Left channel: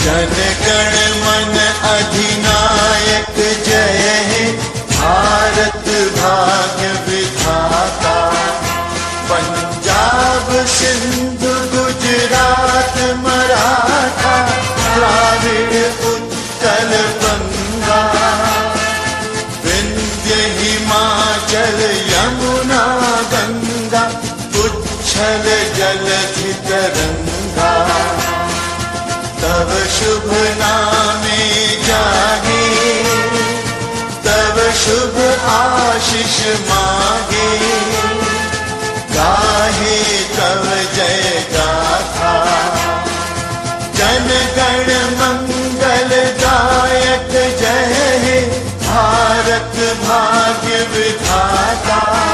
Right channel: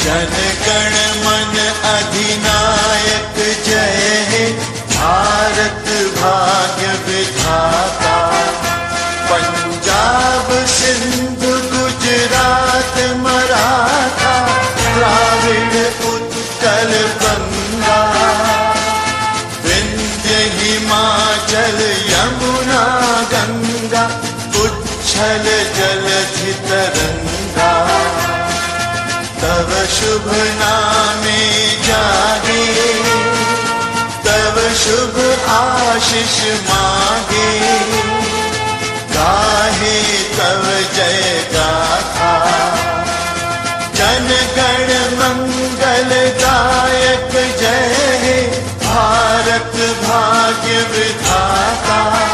जन गण मन अधिनायक जय हे, भारत भाग्य विधाता। पंजाब सिंध गुजरात मराठा, द्राविड़ उत्कल बंगा। विंध्य हिमाचल यमुना गंगा, उच्छल जलधि तरंगा। तव शुभ नामे जागे, तव शुभ आशीष मागे। गाहे तव जय गाथा, जन गण मंगल दायक जय हे, भारत भाग्य विधाता।